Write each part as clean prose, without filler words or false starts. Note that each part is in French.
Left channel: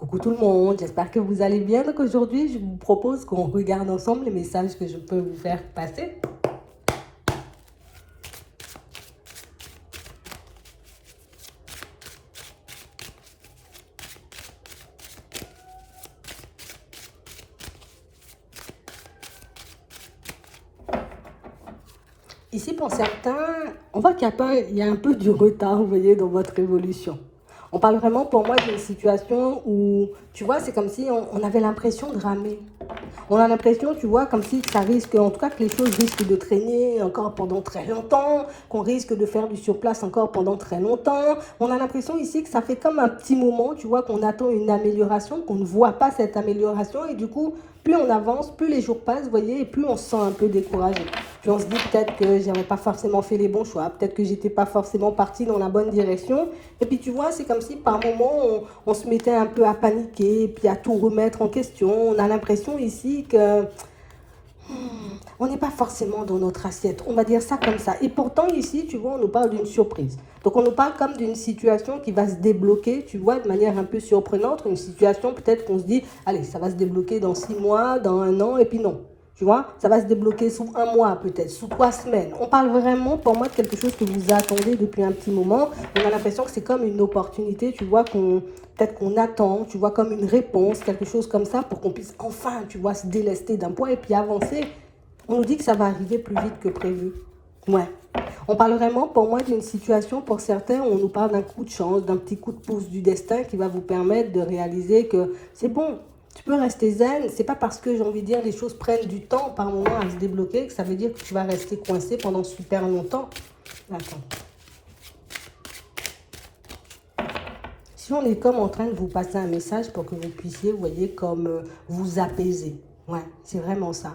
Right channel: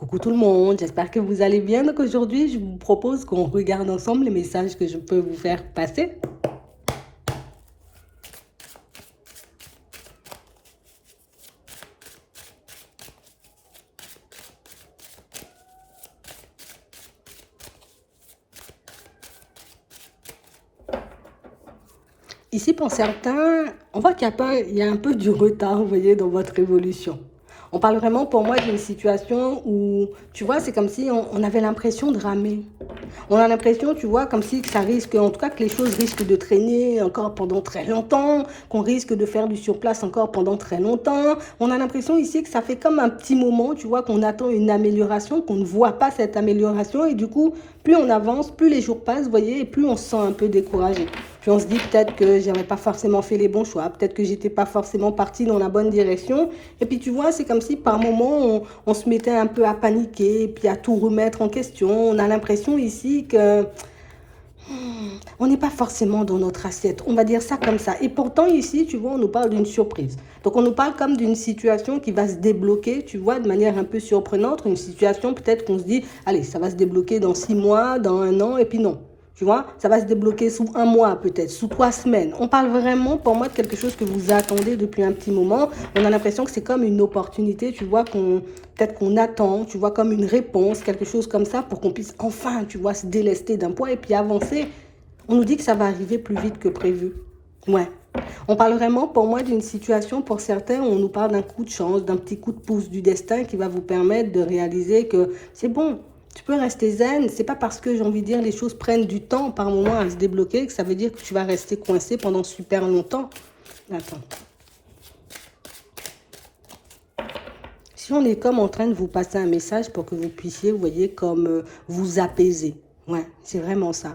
Coucou tout le monde, j'espère que vous allez bien. Donc aujourd'hui, je vous propose qu'on regarde ensemble les messages que je peux vous faire passer. Ici, pour certains, on voit qu'il y a pas, il y a un peu du retard, vous voyez, dans votre évolution. On parle vraiment pour moi d'une situation où, tu vois, c'est comme si on avait l'impression de ramer. On a l'impression, tu vois, comme si ça risque, en tout cas que les choses risquent de traîner encore pendant très longtemps, qu'on risque de faire du surplace encore pendant très longtemps. On a l'impression ici que ça fait comme un petit moment, tu vois, qu'on attend une amélioration, qu'on ne voit pas cette amélioration. Et du coup, plus on avance, plus les jours passent, vous voyez, et plus on se sent un peu découragé. Puis on se dit peut-être que j'avais pas forcément fait les bons choix, peut-être que j'étais pas forcément partie dans la bonne direction. Et puis tu vois, c'est comme si par moments on se mettait un peu à paniquer, puis à tout remettre en question. On a l'impression ici que on n'est pas forcément dans notre assiette. On va dire ça comme ça. Et pourtant ici, tu vois, on nous parle d'une surprise. Donc on nous parle comme d'une situation qui va se débloquer, tu vois, de manière un peu surprenante. Une situation peut-être qu'on se dit, allez, ça va se débloquer dans 6 mois, dans un an, et puis non. Tu vois, ça va se débloquer sous un mois peut-être, sous 3 semaines. On parle vraiment pour moi de quelque chose que vous attendez depuis un petit moment. On a l'impression que c'est comme une opportunité, tu vois, peut-être qu'on attend, tu vois, comme une réponse, quelque chose comme ça, pour qu'on puisse enfin, tu vois, se délester d'un point et puis avancer. On nous dit que ça va arriver plus vite que prévu. Ouais. On parle vraiment pour moi d'une situation, pour certains, on nous parle d'un coup de chance, d'un petit coup de pouce du destin qui va vous permettre de réaliser que c'est bon. Tu peux rester zen, c'est pas parce que j'ai envie de dire les choses prennent du temps par moment à se débloquer que ça veut dire que tu vas rester coincé pendant super longtemps. Attends. Si on est comme en train de vous passer un message pour que vous puissiez, vous voyez, comme vous apaiser. Ouais, c'est vraiment ça.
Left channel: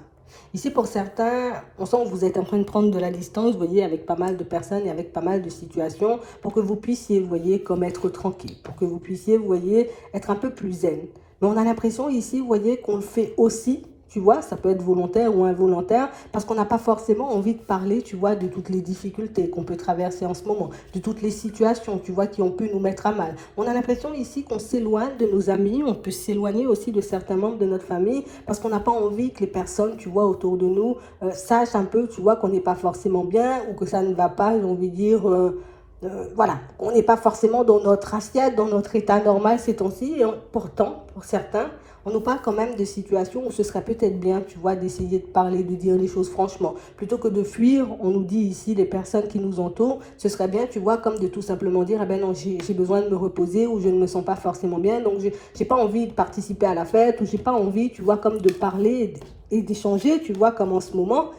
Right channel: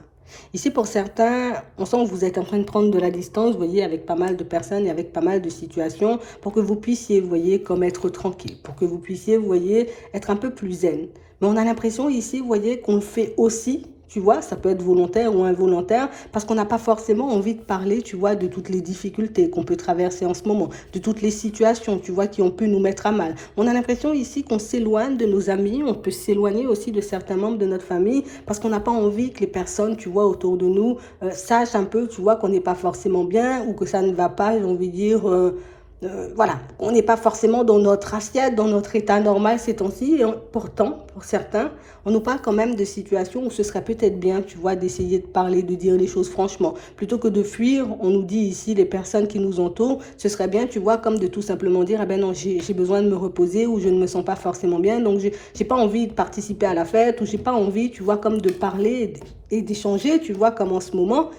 Ici, pour certains, on sent que vous êtes en train de prendre de la distance, vous voyez, avec pas mal de personnes et avec pas mal de situations, pour que vous puissiez, vous voyez, comme être tranquille, pour que vous puissiez, vous voyez, être un peu plus zen. Mais on a l'impression ici, vous voyez, qu'on le fait aussi, tu vois, ça peut être volontaire ou involontaire, parce qu'on n'a pas forcément envie de parler, tu vois, de toutes les difficultés qu'on peut traverser en ce moment, de toutes les situations, tu vois, qui ont pu nous mettre à mal. On a l'impression ici qu'on s'éloigne de nos amis, on peut s'éloigner aussi de certains membres de notre famille, parce qu'on n'a pas envie que les personnes, tu vois, autour de nous, sachent un peu, tu vois, qu'on n'est pas forcément bien, ou que ça ne va pas, j'ai envie de dire... voilà, on n'est pas forcément dans notre assiette, dans notre état normal ces temps-ci. Et pourtant, pour certains, on nous parle quand même de situations où ce serait peut-être bien, tu vois, d'essayer de parler, de dire les choses franchement. Plutôt que de fuir, on nous dit ici, les personnes qui nous entourent, ce serait bien, tu vois, comme de tout simplement dire, eh ben non, j'ai besoin de me reposer ou je ne me sens pas forcément bien, donc j'ai pas envie de participer à la fête ou j'ai pas envie, tu vois, comme de parler et d'échanger, tu vois, comme en ce moment.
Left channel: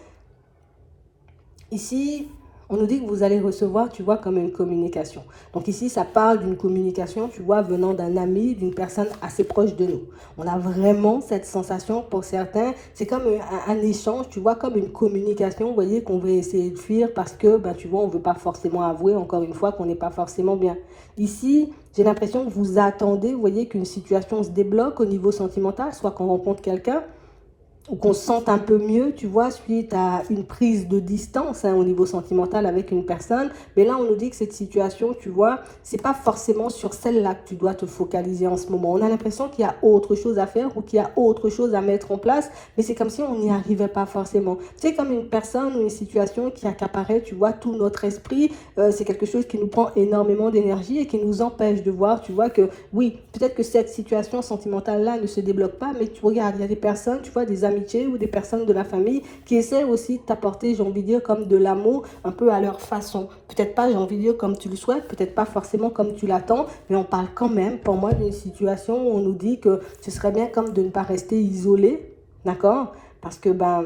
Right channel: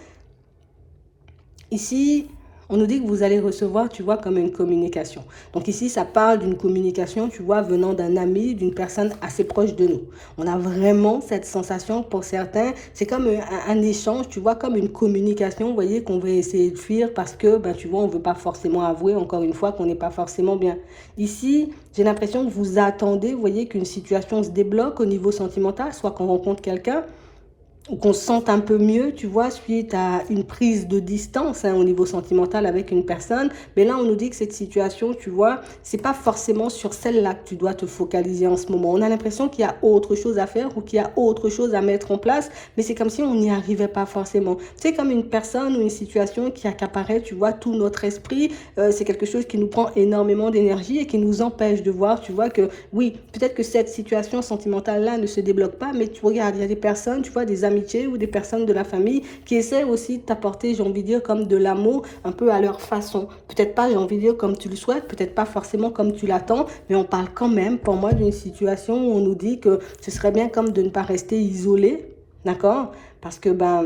Ici, on nous dit que vous allez recevoir, tu vois, comme une communication. Donc ici, ça parle d'une communication, tu vois, venant d'un ami, d'une personne assez proche de nous. On a vraiment cette sensation pour certains, c'est comme un échange, tu vois, comme une communication, vous voyez, qu'on veut essayer de fuir parce que, ben, tu vois, on ne veut pas forcément avouer, encore une fois, qu'on n'est pas forcément bien. Ici, j'ai l'impression que vous attendez, vous voyez, qu'une situation se débloque au niveau sentimental, soit qu'on rencontre quelqu'un, qu'on se sente un peu mieux, tu vois, suite à une prise de distance au niveau sentimental avec une personne. Mais là, on nous dit que cette situation, tu vois, c'est pas forcément sur celle-là que tu dois te focaliser en ce moment. On a l'impression qu'il y a autre chose à faire ou qu'il y a autre chose à mettre en place, mais c'est comme si on n'y arrivait pas forcément. C'est comme une personne ou une situation qui accaparait, tu vois, tout notre esprit. C'est quelque chose qui nous prend énormément d'énergie et qui nous empêche de voir, tu vois, que oui, peut-être que cette situation sentimentale-là ne se débloque pas, mais tu regardes, il y a des personnes, tu vois, des amitiés ou des personnes de la famille qui essaient aussi de t'apporter, j'ai envie de dire, comme de l'amour un peu à leur façon. Peut-être pas, j'ai envie de dire, comme tu le souhaites, peut-être pas forcément comme tu l'attends, mais on parle quand même, pour moi, d'une situation où on nous dit que ce serait bien comme de ne pas rester isolé, d'accord? Parce que, ben,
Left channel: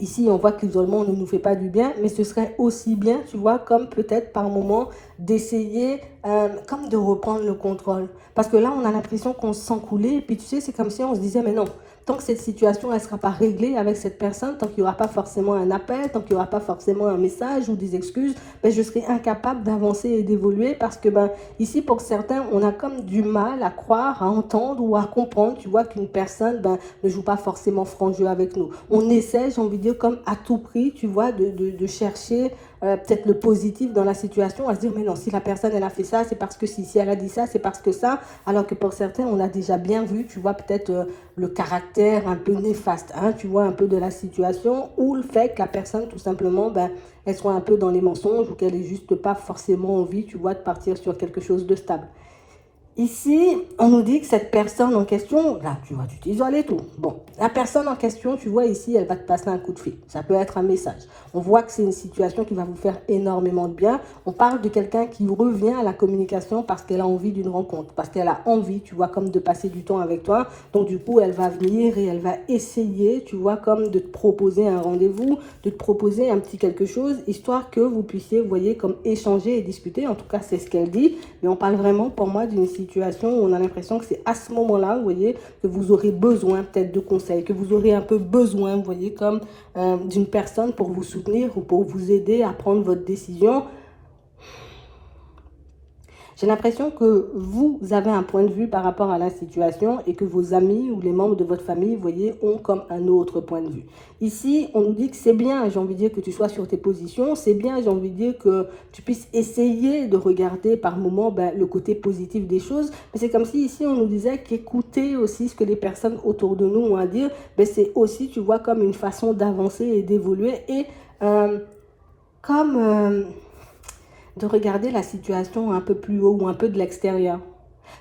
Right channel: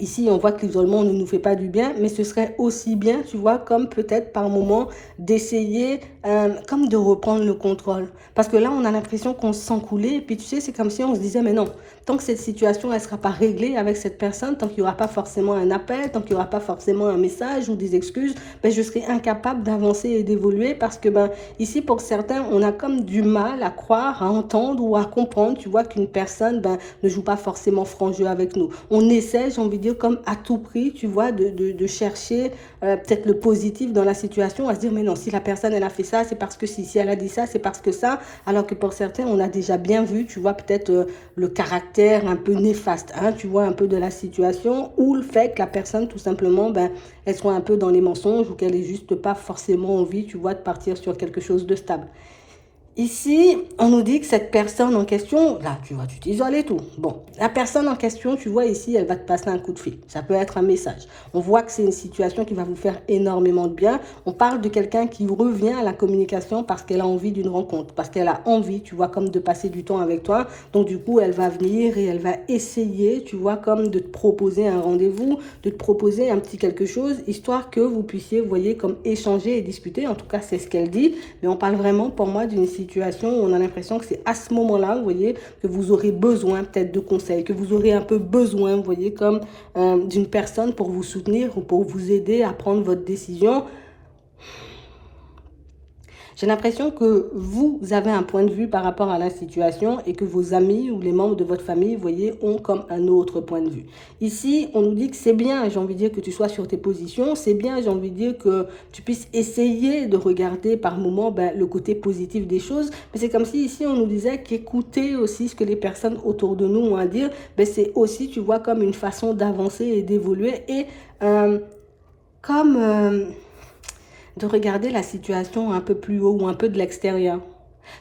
ici, on voit que l'isolement ne nous fait pas du bien, mais ce serait aussi bien, tu vois, comme peut-être par moment d'essayer, comme de reprendre le contrôle. Parce que là, on a l'impression qu'on se sent couler, et puis tu sais, c'est comme si on se disait, mais non, tant que cette situation, elle ne sera pas réglée avec cette personne, tant qu'il n'y aura pas forcément un appel, tant qu'il n'y aura pas forcément un message ou des excuses, ben, je serai incapable d'avancer et d'évoluer parce que, ben, ici, pour certains, on a comme du mal à croire, à entendre ou à comprendre, tu vois, qu'une personne, ben, ne joue pas forcément franc jeu avec nous. On essaie, j'ai envie de dire, comme à tout prix, tu vois, de chercher peut-être le positif dans la situation, à se dire, mais non, si la personne, elle a fait ça, c'est parce que si elle a dit ça, c'est parce que ça. Alors que pour certains, on a déjà bien vu, tu vois, peut-être le caractère un peu néfaste, hein, tu vois, un peu de la situation, ou le fait que la personne, tout simplement, ben, elle soit un peu dans les mensonges ou qu'elle ait juste pas forcément envie, tu vois, de partir sur quelque chose de stable. Ici, on nous dit que cette personne en question, là, tu vois, tu t'isoles et tout. Bon, la personne en question, tu vois, ici, elle va te passer un coup de fil. Ça peut être un message. On voit que c'est une situation qui va vous faire énormément de bien. On parle de quelqu'un qui revient à la communication parce qu'elle a envie d'une rencontre, parce qu'elle a envie, tu vois, comme de passer du temps avec toi. Donc, du coup, elle va venir et elle va essayer, tu vois, comme de te proposer un rendez-vous, de te proposer un petit quelque chose, histoire que vous puissiez, vous voyez, comme échanger et discuter. En tout cas, c'est ce qu'elle dit. Mais on parle vraiment, pour moi, d'une situation où on a l'impression que c'est à ce moment-là, vous voyez, que vous aurez besoin peut-être de conseils, que vous aurez un peu besoin, vous voyez, comme d'une personne pour vous soutenir ou pour vous aider à prendre votre décision. J'ai l'impression que vous avez un point de vue par rapport à la situation et que vos amis ou les membres de votre famille, vous voyez, ont comme un autre point de vue. Ici, on nous dit que c'est bien, j'ai envie de dire, que tu sois sur tes positions, c'est bien, j'ai envie de dire, que tu puisses essayer de regarder par moment le côté positif des choses, mais c'est comme si ici, on nous disait qu'écouter aussi ce que les personnes autour de nous ont à dire, c'est aussi, tu vois, comme une façon d'avancer et d'évoluer et comme de regarder la situation un peu plus haut ou un peu de l'extérieur.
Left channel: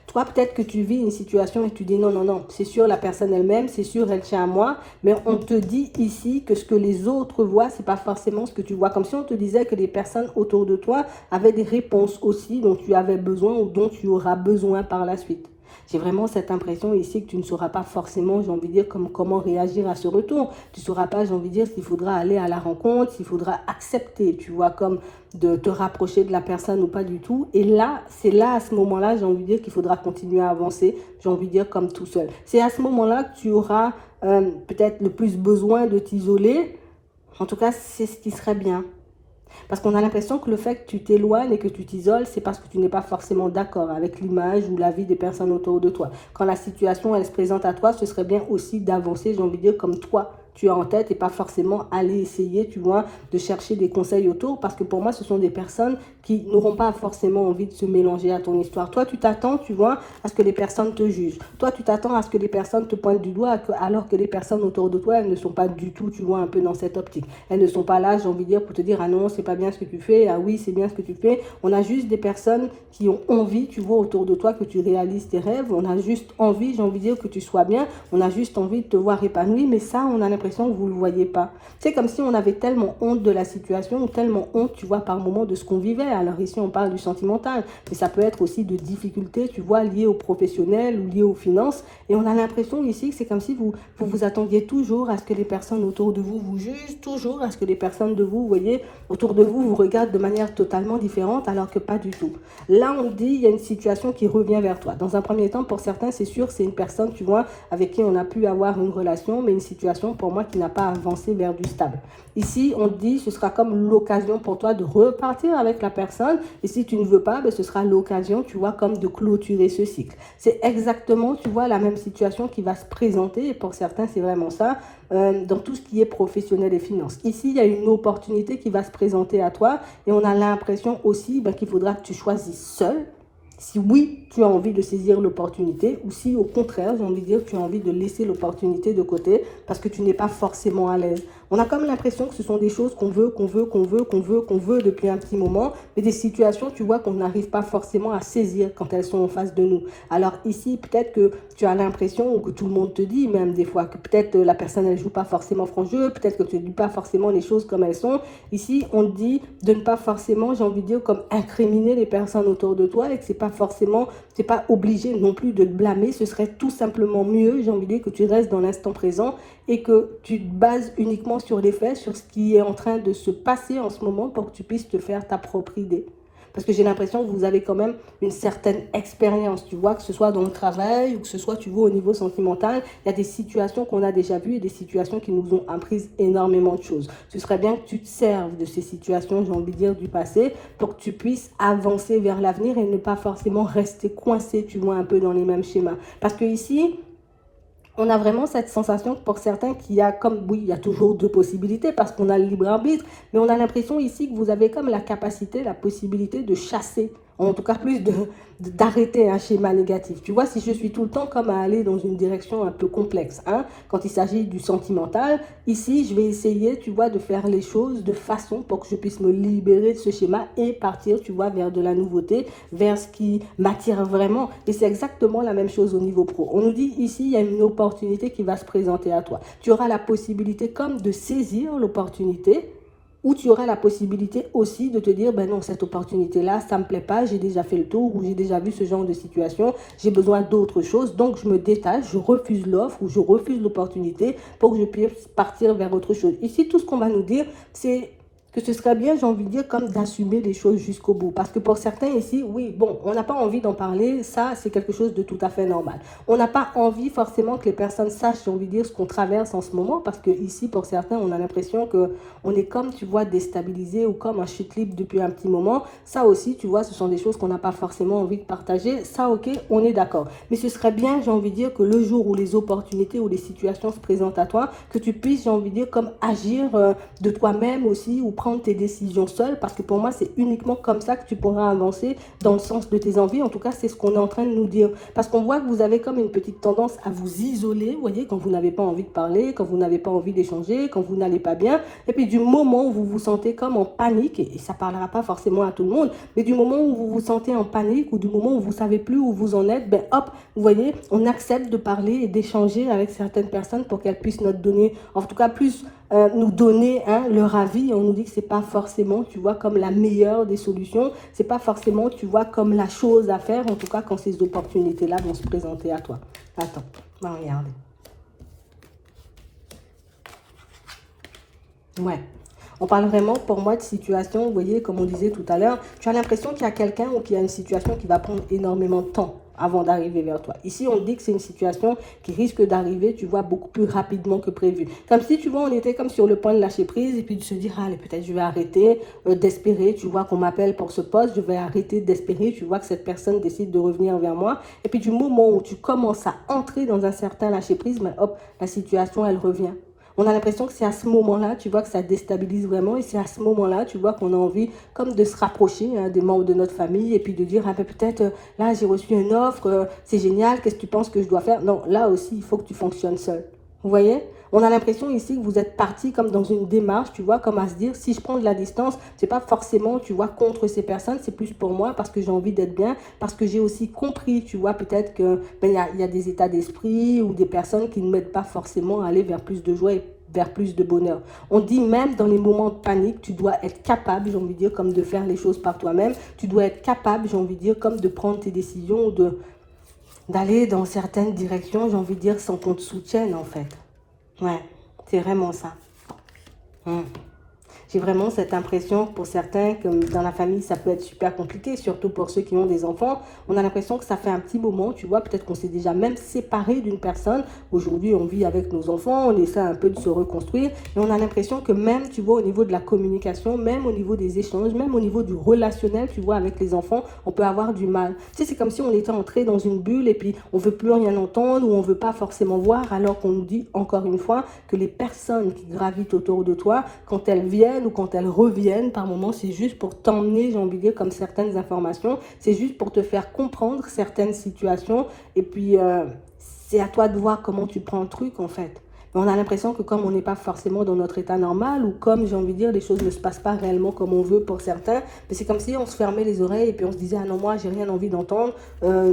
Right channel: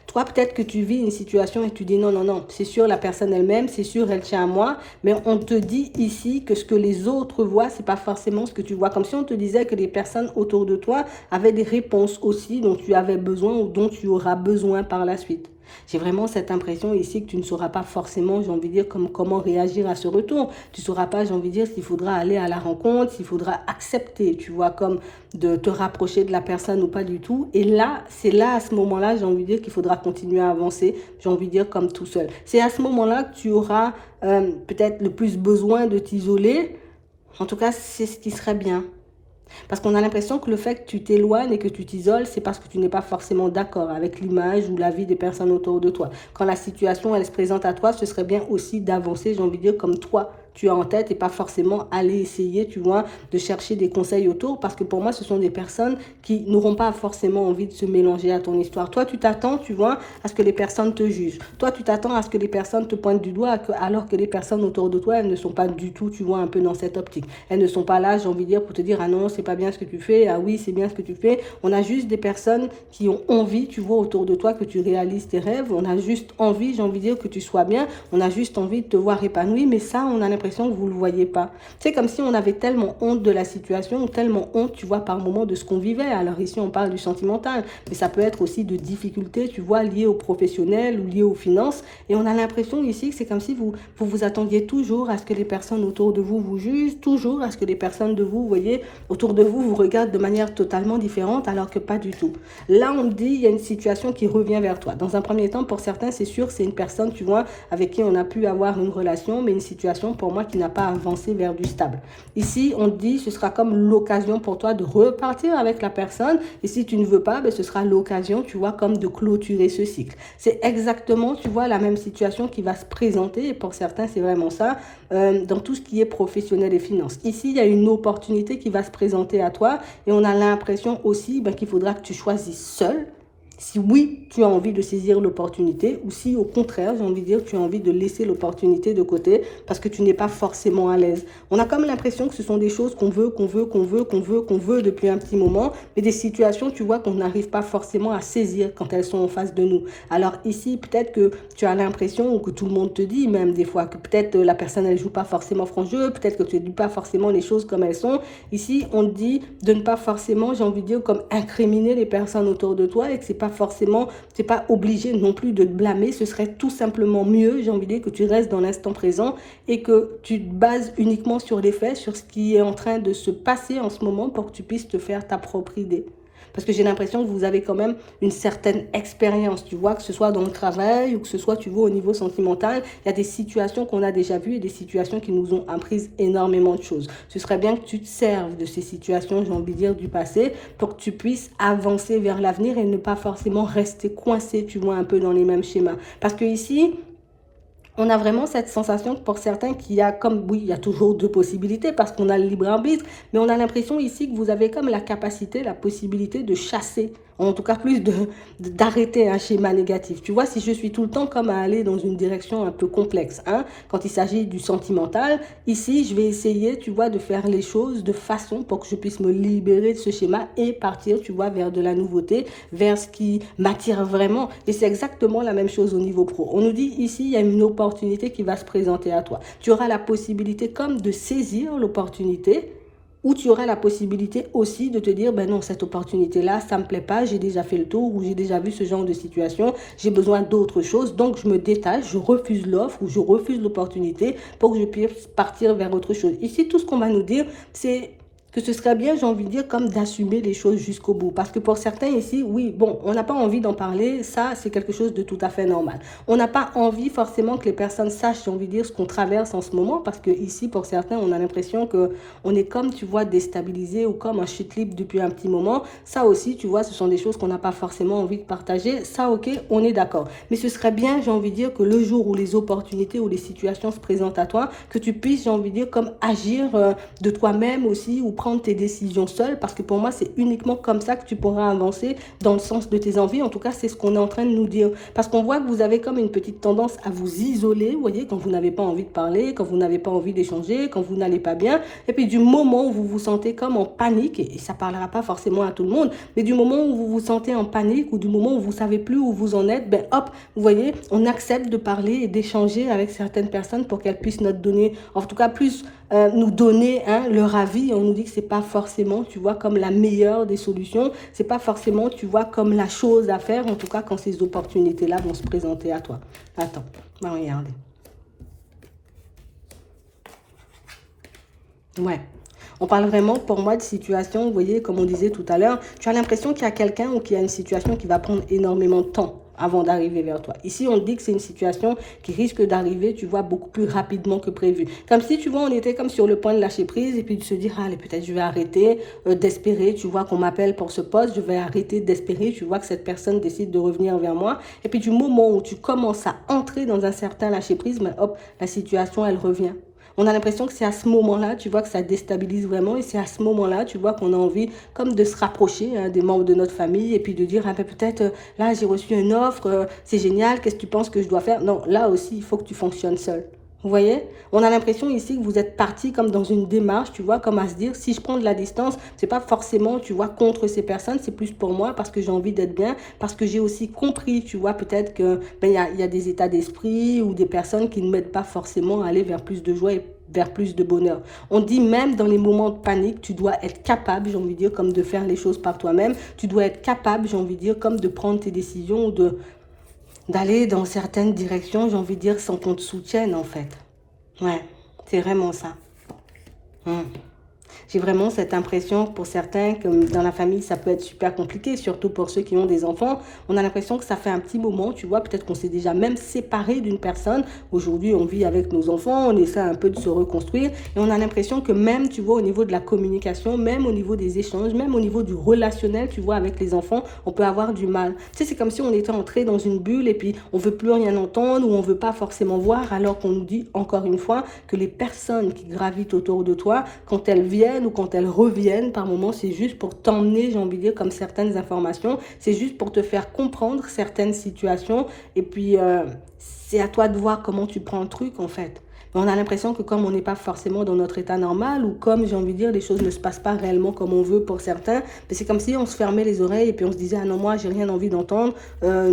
Toi, peut-être que tu vis une situation et tu dis non, non, non, c'est sûr, la personne elle-même, c'est sûr, elle tient à moi, mais on te dit ici que ce que les autres voient, c'est pas forcément ce que tu vois. Comme si on te disait que les personnes autour de toi avaient des réponses aussi dont tu avais besoin ou dont tu auras besoin par la suite. J'ai vraiment cette impression ici que tu ne sauras pas forcément, j'ai envie de dire, comment réagir à ce retour. Tu ne sauras pas, j'ai envie de dire, s'il faudra aller à la rencontre, s'il faudra accepter, tu vois, comme de te rapprocher de la personne ou pas du tout. Et là, c'est là, à ce moment-là, j'ai envie de dire qu'il faudra continuer à avancer, j'ai envie de dire, comme tout seul. C'est à ce moment-là que tu auras peut-être le plus besoin de t'isoler. En tout cas, c'est ce qui serait bien. Parce qu'on a l'impression que le fait que tu t'éloignes et que tu t'isoles, c'est parce que tu n'es pas forcément d'accord avec l'image ou la vie des personnes autour de toi. Quand la situation, elle se présente à toi, ce serait bien aussi d'avancer, j'ai envie de dire, comme toi, tu as en tête et pas forcément aller essayer, tu vois, de chercher des conseils autour. Parce que pour moi, ce sont des personnes qui n'auront pas forcément envie de se mélanger à ton histoire. Toi, tu t'attends, tu vois, à ce que les personnes te jugent. Toi, tu t'attends à ce que les personnes te pointent du doigt, alors que les personnes autour de toi, elles ne sont pas du tout, tu vois, un peu dans cette optique. Elles ne sont pas là, j'ai envie de dire, pour te dire, ah non, c'est pas bien ce que tu fais, ah oui, c'est bien ce que tu fais. On a juste des personnes qui ont envie, tu vois, autour de toi, que tu réalises tes rêves. On a juste envie, j'ai envie de dire, que tu sois bien. On a juste envie de te voir épanoui, mais ça, on a l'impression que vous ne le voyez pas. C'est comme si on avait tellement honte de la situation, ou tellement honte, tu vois, par moment de ce qu'on vivait. Alors ici, on parle du sentimental, mais ça peut être aussi de difficultés, tu vois, liées aux professionnels ou liées aux finances. Et on a l'impression ici que c'est comme si vous attendiez toujours à ce que les personnes autour de vous vous jugent, toujours à ce que les personnes de vous, vous voyez, autour de vous regardent de manière totalement différente, alors que pas du tout. Là, on dit, il y a une situation qui revient vers toi. Dans un premier temps, pour certains, c'est sûr, c'est une personne, tu vois, avec qui on a pu avoir une relation, mais une situation, pour moi, qui n'a pas avancé vers du stable. Ici, on dit, ce sera comme l'occasion pour toi de repartir avec la personne, et si tu ne veux pas, ce sera l'occasion, tu vois, comme de clôturer ce cycle. C'est exactement, tu vois, la même situation qui va se présenter, et pour certains, c'est vraiment ça, dans tout ce qui est professionnel et finance. Ici, il y a une opportunité qui va se présenter à toi, et on a l'impression aussi qu'il faudra que tu choisisses seul. Si oui, tu as envie de saisir l'opportunité, ou si au contraire, j'ai envie de dire, tu as envie de laisser l'opportunité de côté parce que tu n'es pas forcément à l'aise. On a comme l'impression que ce sont des choses qu'on veut, qu'on veut depuis un petit moment, mais des situations, tu vois, qu'on n'arrive pas forcément à saisir quand elles sont en face de nous. Alors ici, peut-être que tu as l'impression, ou que tout le monde te dit même des fois, que peut-être la personne, elle joue pas forcément franc jeu, peut-être que tu ne dis pas forcément les choses comme elles sont. Ici, on te dit de ne pas forcément, j'ai envie de dire, comme incriminer les personnes autour de toi, et que c'est pas forcément, tu n'es pas obligé non plus de te blâmer. Ce serait tout simplement mieux, j'ai envie de dire, que tu restes dans l'instant présent et que tu te bases uniquement sur les faits, sur ce qui est en train de se passer en ce moment pour que tu puisses te faire ta propre idée. Parce que j'ai l'impression que vous avez quand même une certaine expérience, tu vois, que ce soit dans le travail ou que ce soit, tu vois, au niveau sentimental. Il y a des situations qu'on a déjà vues et des situations qui nous ont appris énormément de choses. Ce serait bien que tu te serves de ces situations, j'ai envie de dire, du passé, pour que tu puisses avancer vers l'avenir et ne pas forcément rester coincé, tu vois, un peu dans les mêmes schémas. Parce que ici, On a vraiment cette sensation pour certains qu'il y a comme, oui, il y a toujours deux possibilités parce qu'on a le libre arbitre, mais on a l'impression ici que vous avez comme la capacité, la possibilité de chasser, en tout cas plus d'arrêter un schéma négatif. Tu vois, si je suis tout le temps comme à aller dans une direction un peu complexe, hein, quand il s'agit du sentimental, ici, je vais essayer, tu vois, de faire les choses de façon pour que je puisse me libérer de ce schéma et partir, tu vois, vers de la nouveauté, vers ce qui m'attire vraiment. Et c'est exactement la même chose au niveau pro. On nous dit ici, il y a une opportunité qui va se présenter à toi. Tu auras la possibilité comme de saisir l'opportunité ou tu auras la possibilité aussi de te dire, ben non, cette opportunité-là, ça ne me plaît pas, j'ai déjà fait le tour ou j'ai déjà vu ce genre de situation, j'ai besoin d'autre chose, donc je me détache, je refuse l'offre ou je refuse l'opportunité pour que je puisse partir vers autre chose. Ici, tout ce qu'on va nous dire, c'est que ce serait bien, j'ai envie de dire, comme d'assumer les choses jusqu'au bout. Parce que pour certains ici, oui, bon, on n'a pas envie d'en parler, ça, c'est quelque chose de tout à fait normal. On n'a pas envie forcément que les personnes sachent, j'ai envie de dire, ce qu'on traverse en ce moment, parce que ici, pour certains, on a l'impression qu'on est comme, tu vois, déstabilisé ou comme en chute libre depuis un petit moment. Ça aussi, tu vois, ce sont des choses qu'on n'a pas forcément envie de partager. Ça, ok, on est d'accord. Mais ce serait bien, j'ai envie de dire, que le jour où les opportunités ou les situations se présentent à toi, que tu puisses, j'ai envie de dire, comme agir de toi-même aussi ou prendre tes décisions seul, parce que pour moi, c'est uniquement comme ça que tu pourras avancer dans le sens de tes envies. En tout cas, c'est ce qu'on est en train de nous dire. Parce qu'on voit que vous avez comme une petite tendance à vous isoler, vous voyez, quand vous n'avez pas envie de parler, quand vous n'avez pas envie d'échanger, quand vous n'allez pas bien. Et puis du moment où vous vous sentez comme en panique, et ça ne parlera pas forcément à tout le monde, mais du moment où vous vous sentez en panique ou du moment où vous ne savez plus où vous en êtes, ben hop, vous voyez, on accepte de parler et d'échanger avec certaines personnes pour qu'elles puissent nous donner, en tout cas plus nous donner leur avis. On nous dit que c'est pas forcément, tu vois, comme la meilleure des solutions. C'est pas forcément, tu vois, comme la chose à faire, en tout cas quand ces opportunités-là vont se présenter à toi. Attends, on va regarder. Ouais. On parle vraiment, pour moi, de situation, vous voyez, comme on disait tout à l'heure, tu as l'impression qu'il y a quelqu'un ou qu'il y a une situation qui va prendre énormément de temps avant d'arriver vers toi. Ici, on dit que c'est une situation qui risque d'arriver, tu vois, beaucoup plus rapidement que prévu. Comme si, tu vois, on était comme sur le point de lâcher prise et puis de se dire, allez, peut-être je vais arrêter d'espérer, tu vois, qu'on m'appelle pour ce poste, je vais arrêter d'espérer, tu vois, que cette personne décide de revenir vers moi. Et puis du moment où tu commences à entrer dans un certain lâcher prise, mais hop, la situation, elle revient. On a l'impression que c'est à ce moment-là, tu vois, que ça déstabilise vraiment. Et c'est à ce moment-là, tu vois, qu'on a envie comme de se rapprocher des membres de notre famille et puis de dire, ah ben peut-être, là, j'ai reçu une offre, c'est génial, qu'est-ce que tu penses que je dois faire? Non, là aussi, il faut que tu fonctionnes seul. Vous voyez? On a l'impression ici que vous êtes parti comme dans une démarche, tu vois, comme à se dire, si je prends de la distance, c'est pas forcément, tu vois, contre ces personnes, c'est plus pour moi parce que j'ai envie d'être bien, parce que j'ai aussi compris, tu vois, peut-être que ben, y a des états d'esprit ou des personnes qui ne m'aident pas forcément à aller vers plus de joie et vers plus de bonheur. On dit même dans les moments de panique, tu dois être capable, j'ai envie de dire, comme de faire les choses par toi-même. Tu dois être capable, j'ai envie de dire, comme de prendre tes décisions, d'aller dans certaines directions, j'ai envie de dire, sans qu'on te soutienne en fait. Ouais, c'est vraiment ça. Hum. J'ai vraiment cette impression pour certains que dans la famille, ça peut être super compliqué, surtout pour ceux qui ont des enfants. On a l'impression que ça fait un petit moment, tu vois, peut-être qu'on s'est déjà même séparé d'une personne. Aujourd'hui, on vit avec nos enfants, on essaie un peu de se reconstruire. Et on a l'impression que même, tu vois, au niveau de la communication, même au niveau des échanges, même au niveau du relationnel, tu vois, avec les enfants, on peut avoir du mal. Tu sais, c'est comme si on était entré dans une bulle et puis on veut plus rien entendre ou on veut pas forcément voir, alors qu'on nous dit encore une fois que les personnes qui gravitent autour de toi, quand elles viennent ou quand elles reviennent, par moments, c'est juste pour t'emmener, j'ai envie de dire, comme certaines informations, c'est juste pour te faire comprendre certaines situations et puis c'est à toi de voir comment tu prends le truc en fait. Mais on a l'impression que comme on n'est pas forcément dans notre état normal ou comme j'ai envie de dire les choses ne se passent pas réellement comme on veut pour certains, mais c'est comme si on se fermait les oreilles et puis on se disait ah non moi j'ai rien envie d'entendre,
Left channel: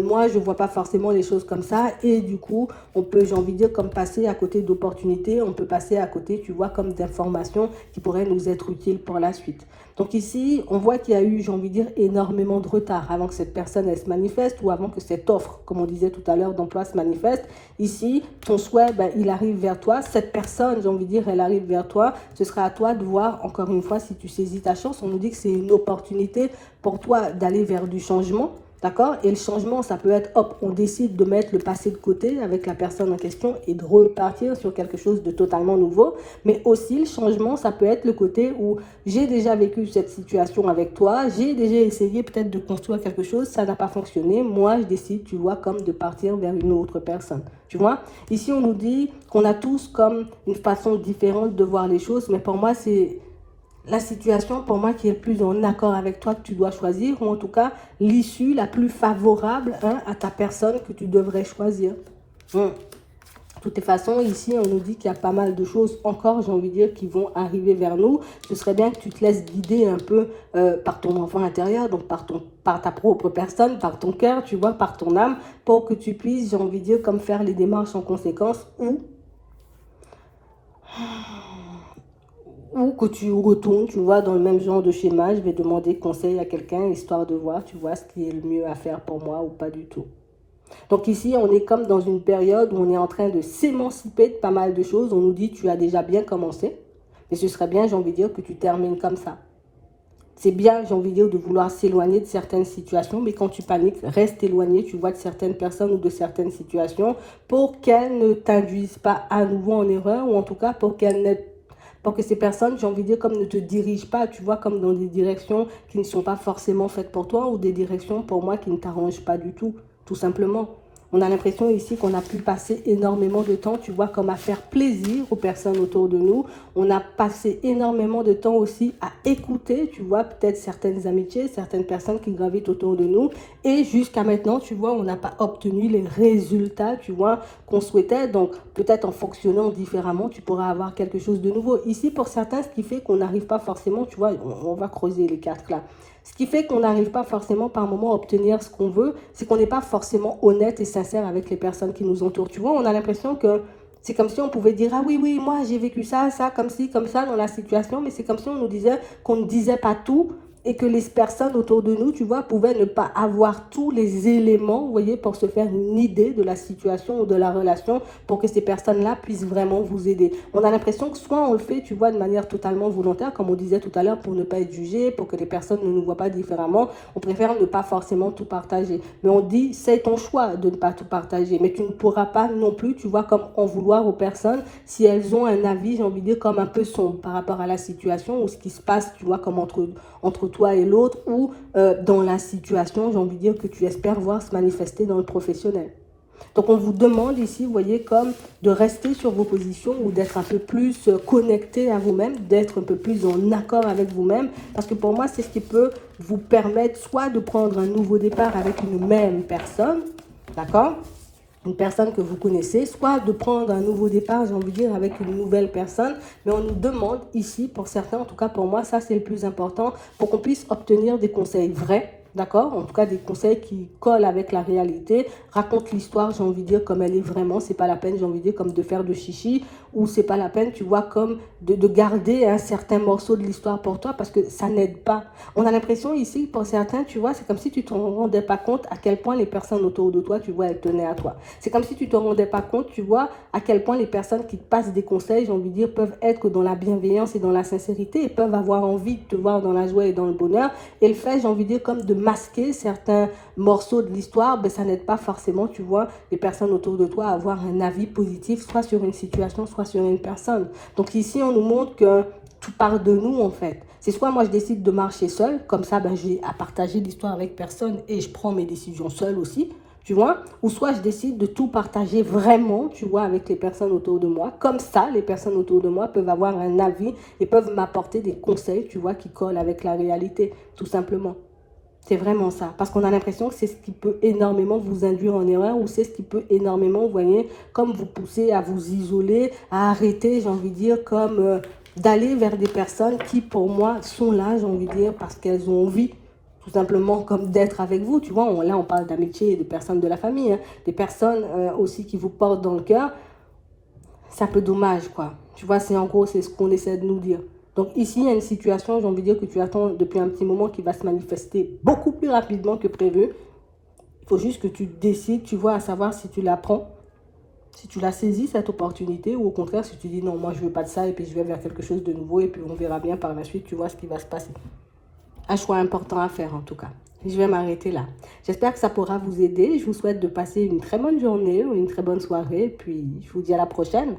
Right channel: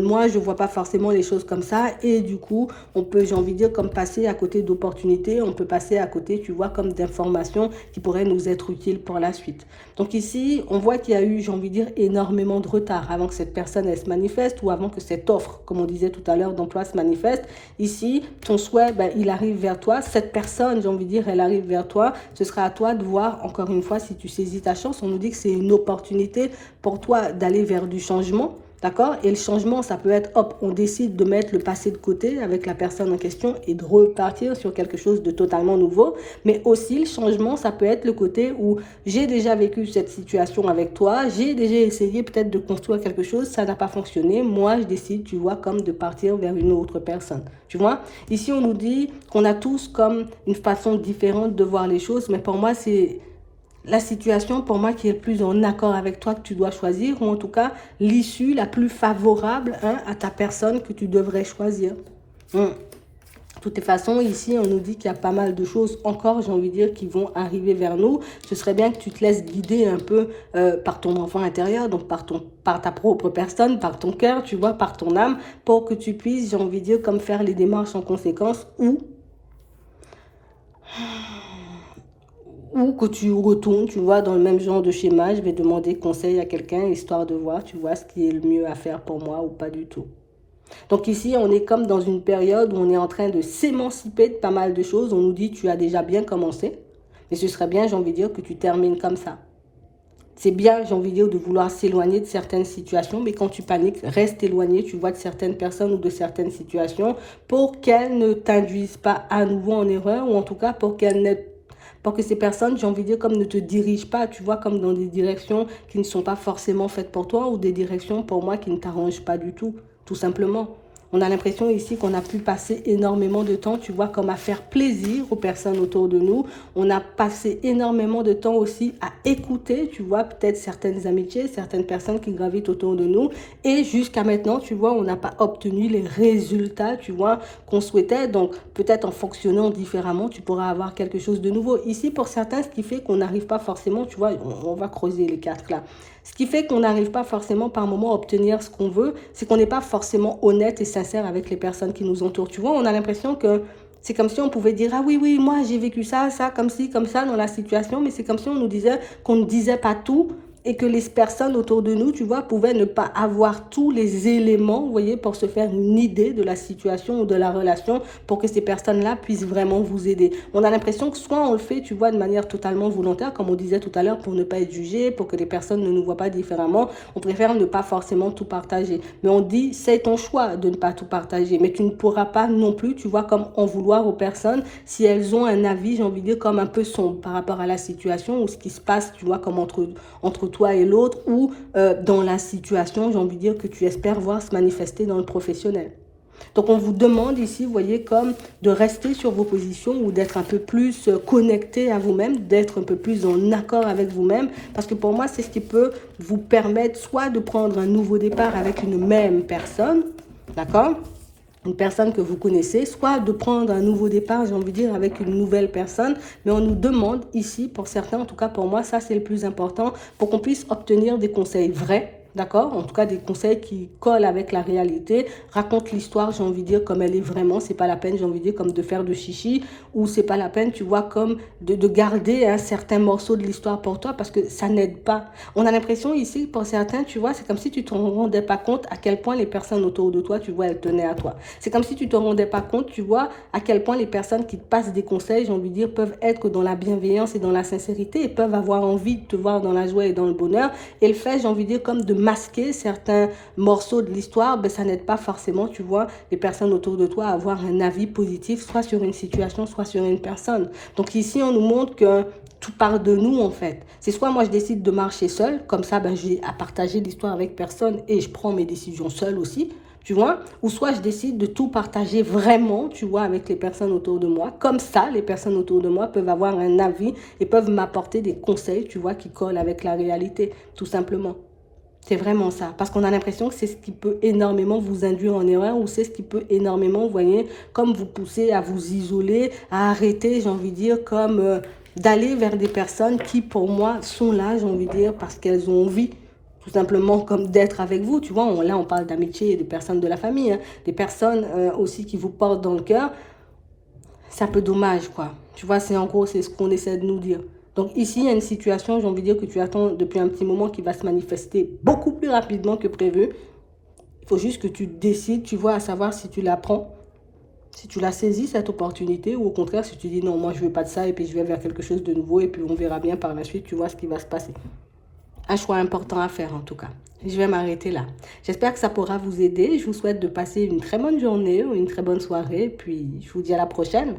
moi je vois pas forcément les choses comme ça et du coup on peut j'ai envie de dire comme passer à côté d'opportunités, on peut passer à côté tu vois comme d'informations qui pourraient nous être utiles pour la suite. Donc ici on voit qu'il y a eu j'ai envie de dire énormément de retard avant que cette personne elle se manifeste ou avant que cette offre comme on disait tout à l'heure d'emploi se manifeste. Ici ton souhait ben, il arrive vers toi, cette personne, j'ai envie de dire, elle arrive vers toi, ce sera à toi de voir, encore une fois, si tu saisis ta chance. On nous dit que c'est une opportunité pour toi d'aller vers du changement, D'accord? Et le changement, ça peut être, hop, on décide de mettre le passé de côté avec la personne en question et de repartir sur quelque chose de totalement nouveau. Mais aussi, le changement, ça peut être le côté où j'ai déjà vécu cette situation avec toi, j'ai déjà essayé peut-être de construire quelque chose, ça n'a pas fonctionné. Moi, je décide, tu vois, comme de partir vers une autre personne. Tu vois? Ici, on nous dit qu'on a tous comme une façon différente de voir les choses, mais pour moi, c'est la situation pour moi qui est le plus en accord avec toi que tu dois choisir, ou en tout cas l'issue la plus favorable à ta personne que tu devrais choisir. Hein. De toutes les façons, ici, on nous dit qu'il y a pas mal de choses encore, j'ai envie de dire, qui vont arriver vers nous. Ce serait bien que tu te laisses guider un peu par ton enfant intérieur, donc par ta propre personne, par ton cœur, tu vois, par ton âme, pour que tu puisses, j'ai envie de dire, comme faire les démarches en conséquence ou que tu retournes, tu vois, dans le même genre de schéma. Je vais demander conseil à quelqu'un, histoire de voir, tu vois, ce qui est le mieux à faire pour moi ou pas du tout. Donc ici, on est comme dans une période où on est en train de s'émanciper de pas mal de choses. On nous dit, tu as déjà bien commencé. Mais ce serait bien, j'ai envie de dire, que tu termines comme ça. C'est bien, j'ai envie de dire, de vouloir s'éloigner de certaines situations, mais quand tu paniques, reste éloigné, tu vois, de certaines personnes ou de certaines situations pour qu'elles ne t'induisent pas à nouveau en erreur, ou en tout cas pour que ces personnes, j'ai envie de dire, comme ne te dirigent pas, tu vois, comme dans des directions qui ne sont pas forcément faites pour toi, ou des directions pour moi qui ne t'arrangent pas du tout simplement. On a l'impression ici qu'on a pu passer énormément de temps, tu vois, comme à faire plaisir aux personnes autour de nous. On a passé énormément de temps aussi à écouter, tu vois, peut-être certaines amitiés, certaines personnes qui gravitent autour de nous. Et jusqu'à maintenant, tu vois, on n'a pas obtenu les résultats, tu vois, qu'on souhaitait. Donc, peut-être en fonctionnant différemment, tu pourras avoir quelque chose de nouveau. Ici, pour certains, ce qui fait qu'on n'arrive pas forcément, tu vois, on va creuser les cartes là. Ce qui fait qu'on n'arrive pas forcément par moment à obtenir ce qu'on veut, c'est qu'on n'est pas forcément honnête et sincère avec les personnes qui nous entourent. Tu vois, on a l'impression que c'est comme si on pouvait dire, ah oui, oui, moi j'ai vécu ça, ça, comme ci, comme ça dans la situation, mais c'est comme si on nous disait qu'on ne disait pas tout et que les personnes autour de nous, tu vois, pouvaient ne pas avoir tous les éléments, vous voyez, pour se faire une idée de la situation ou de la relation, pour que ces personnes-là puissent vraiment vous aider. On a l'impression que soit on le fait, tu vois, de manière totalement volontaire, comme on disait tout à l'heure, pour ne pas être jugé, pour que les personnes ne nous voient pas différemment, on préfère ne pas forcément tout partager. Mais on dit, c'est ton choix de ne pas tout partager, mais tu ne pourras pas non plus, tu vois, comme en vouloir aux personnes, si elles ont un avis, j'ai envie de dire, comme un peu sombre par rapport à la situation ou ce qui se passe, tu vois, comme entre toi et l'autre, ou dans la situation, j'ai envie de dire, que tu espères voir se manifester dans le professionnel. Donc on vous demande ici, vous voyez, comme de rester sur vos positions ou d'être un peu plus connecté à vous-même, d'être un peu plus en accord avec vous-même, parce que pour moi, c'est ce qui peut vous permettre soit de prendre un nouveau départ avec une même personne, d'accord, une personne que vous connaissez, soit de prendre un nouveau départ, j'ai envie de dire, avec une nouvelle personne. Mais on nous demande ici, pour certains, en tout cas pour moi, ça c'est le plus important, pour qu'on puisse obtenir des conseils vrais, d'accord? En tout cas, des conseils qui collent avec la réalité, raconte l'histoire, j'ai envie de dire, comme elle est vraiment. C'est pas la peine, j'ai envie de dire, comme de faire de chichi, ou c'est pas la peine, tu vois, comme de garder un certain morceau de l'histoire pour toi, parce que ça n'aide pas. On a l'impression ici, pour certains, tu vois, c'est comme si tu te rendais pas compte à quel point les personnes autour de toi, tu vois, elles tenaient à toi. C'est comme si tu te rendais pas compte, tu vois, à quel point les personnes qui te passent des conseils, j'ai envie de dire, peuvent être dans la bienveillance et dans la sincérité, et peuvent avoir envie de te voir dans la joie et dans le bonheur. Et le fait, j'ai envie de dire, comme de masquer certains morceaux de l'histoire, ben, ça n'aide pas forcément, tu vois, les personnes autour de toi à avoir un avis positif, soit sur une situation, soit sur une personne. Donc ici, on nous montre que tout part de nous en fait. C'est soit moi je décide de marcher seule, comme ça ben, j'ai à partager l'histoire avec personne et je prends mes décisions seule aussi, tu vois, ou soit je décide de tout partager vraiment, tu vois, avec les personnes autour de moi. Comme ça, les personnes autour de moi peuvent avoir un avis et peuvent m'apporter des conseils, tu vois, qui collent avec la réalité, tout simplement. C'est vraiment ça. Parce qu'on a l'impression que c'est ce qui peut énormément vous induire en erreur ou c'est ce qui peut énormément, vous voyez, comme vous pousser à vous isoler, à arrêter, j'ai envie de dire, comme d'aller vers des personnes qui, pour moi, sont là, j'ai envie de dire, parce qu'elles ont envie, tout simplement, comme d'être avec vous. Tu vois, là, on parle d'amitié et des personnes de la famille, hein, des personnes aussi qui vous portent dans le cœur. C'est un peu dommage, quoi. Tu vois, c'est en gros, c'est ce qu'on essaie de nous dire. Donc ici, il y a une situation, j'ai envie de dire, que tu attends depuis un petit moment qui va se manifester beaucoup plus rapidement que prévu. Il faut juste que tu décides, tu vois, à savoir si tu la prends, si tu la saisis, cette opportunité, ou au contraire, si tu dis non, moi je veux pas de ça, et puis je vais vers quelque chose de nouveau, et puis on verra bien par la suite, tu vois ce qui va se passer. Un choix important à faire en tout cas. Je vais m'arrêter là. J'espère que ça pourra vous aider. Je vous souhaite de passer une très bonne journée ou une très bonne soirée. Puis, je vous dis à la prochaine.